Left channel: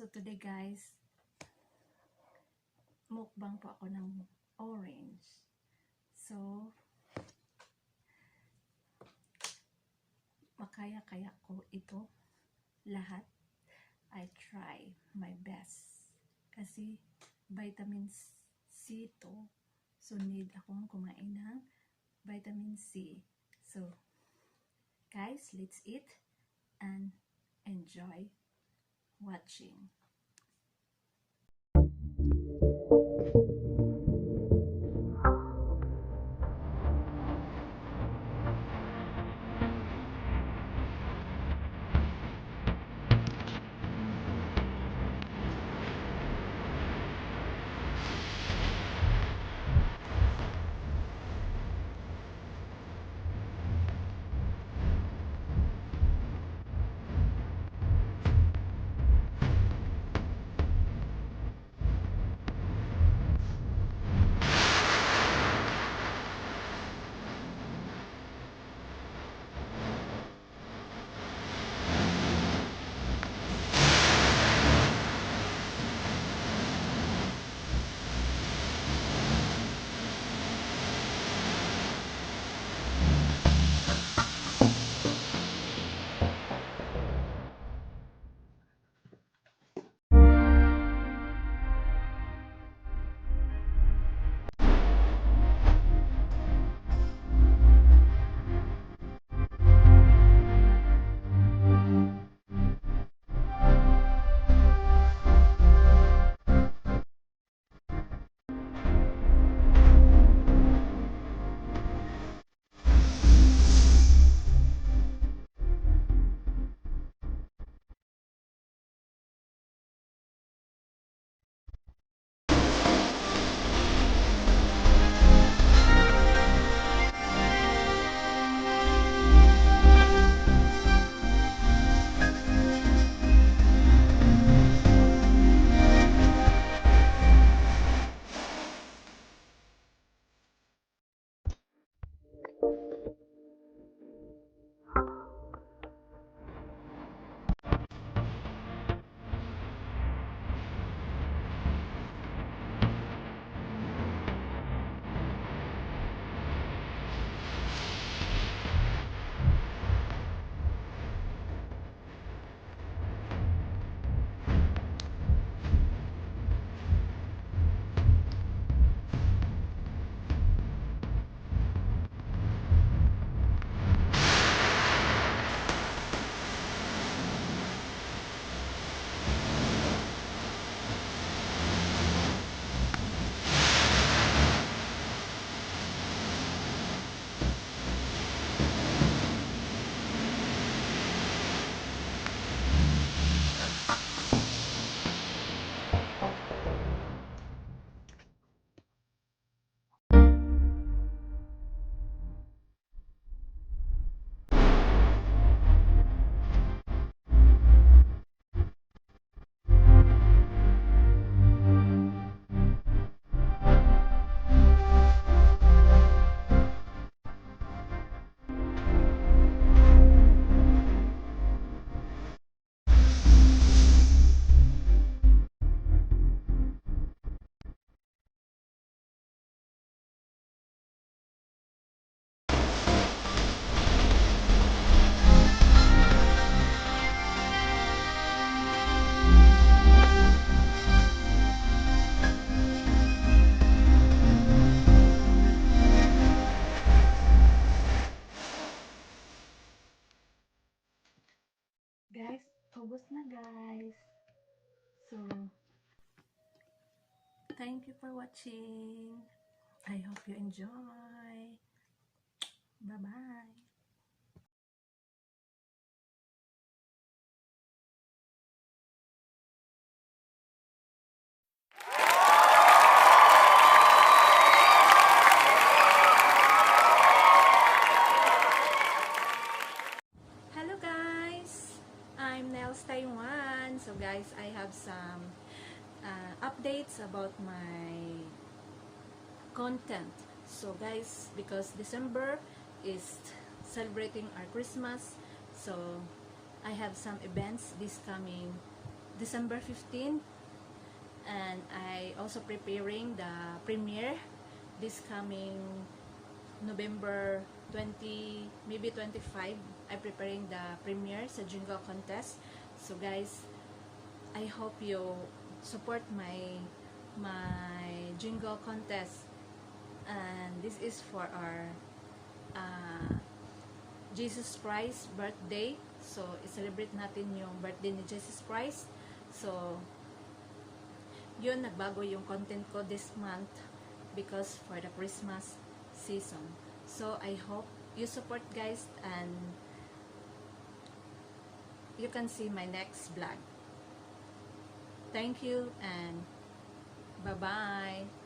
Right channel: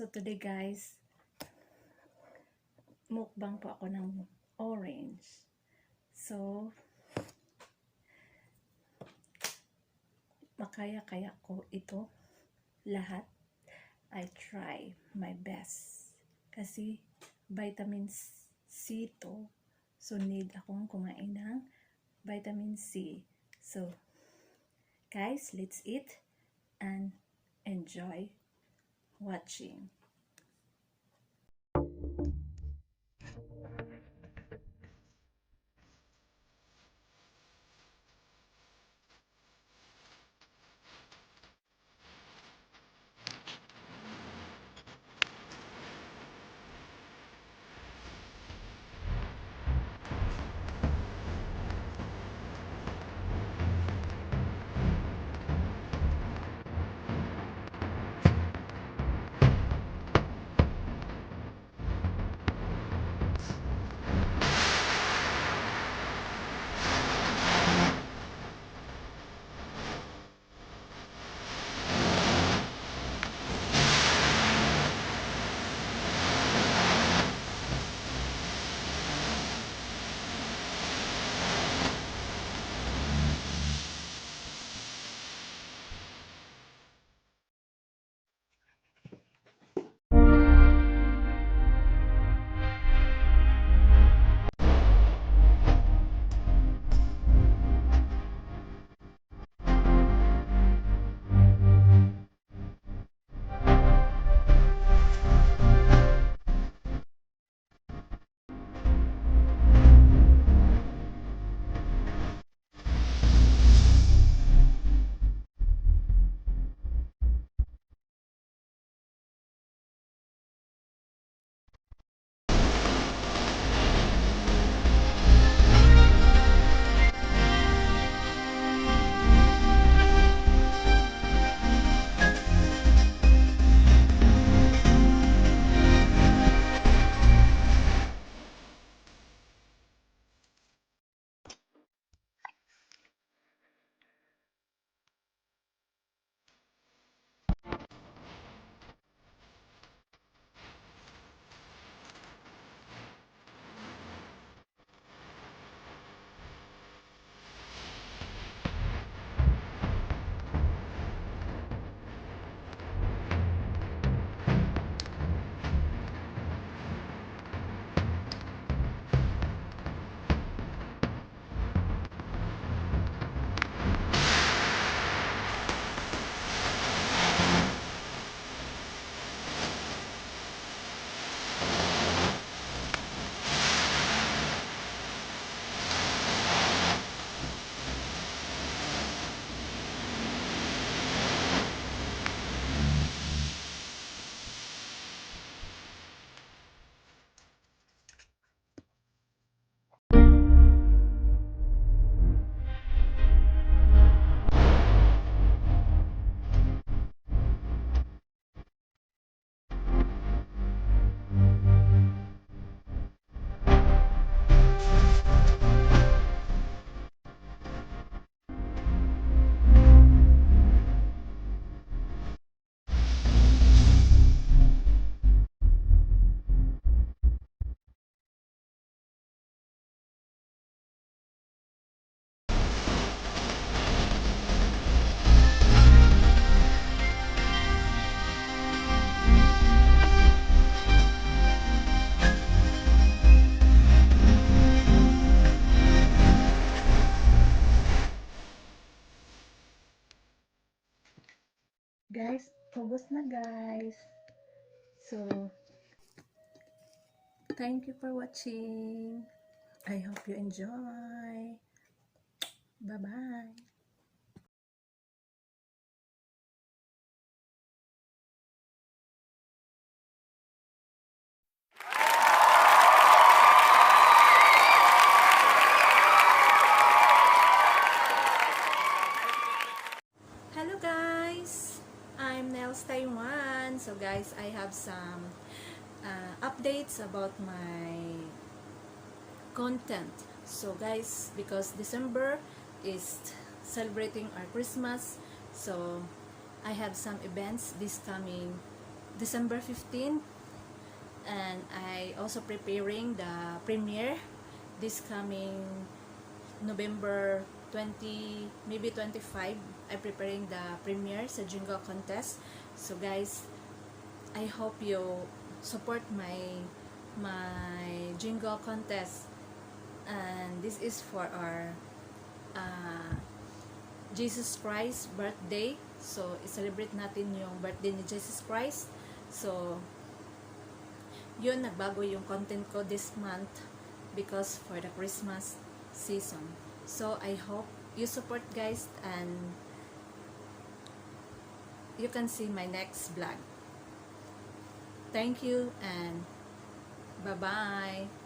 So today guys, mukbang po ako ng orange. So, makaya-kaya ko ito lahat. I try my best. Kasi vitamin C to. So need akong kumain ng vitamin C. So, guys, let's eat and enjoy watching. Guys, ubos na guys. So, thank you for watching. I hope you enjoy. Bye-bye. Hello guys! I'm Nels Taiwan. So guys, I have some updates about my content. So guys, because December is celebrating our Christmas, so I have some events this coming December 15th, and I also preparing the premiere this coming November 20, maybe 25. I'm preparing the premiere sa Jingle Contest. So guys, I hope you support my Jingle Contest, and this is for our Jesus Christ birthday. So i-celebrate natin yung birthday ni Jesus Christ. So yun, nagbago yung content ko this month because for the Christmas season. So I hope you support guys, and you can see my next vlog. Thank you and bye bye.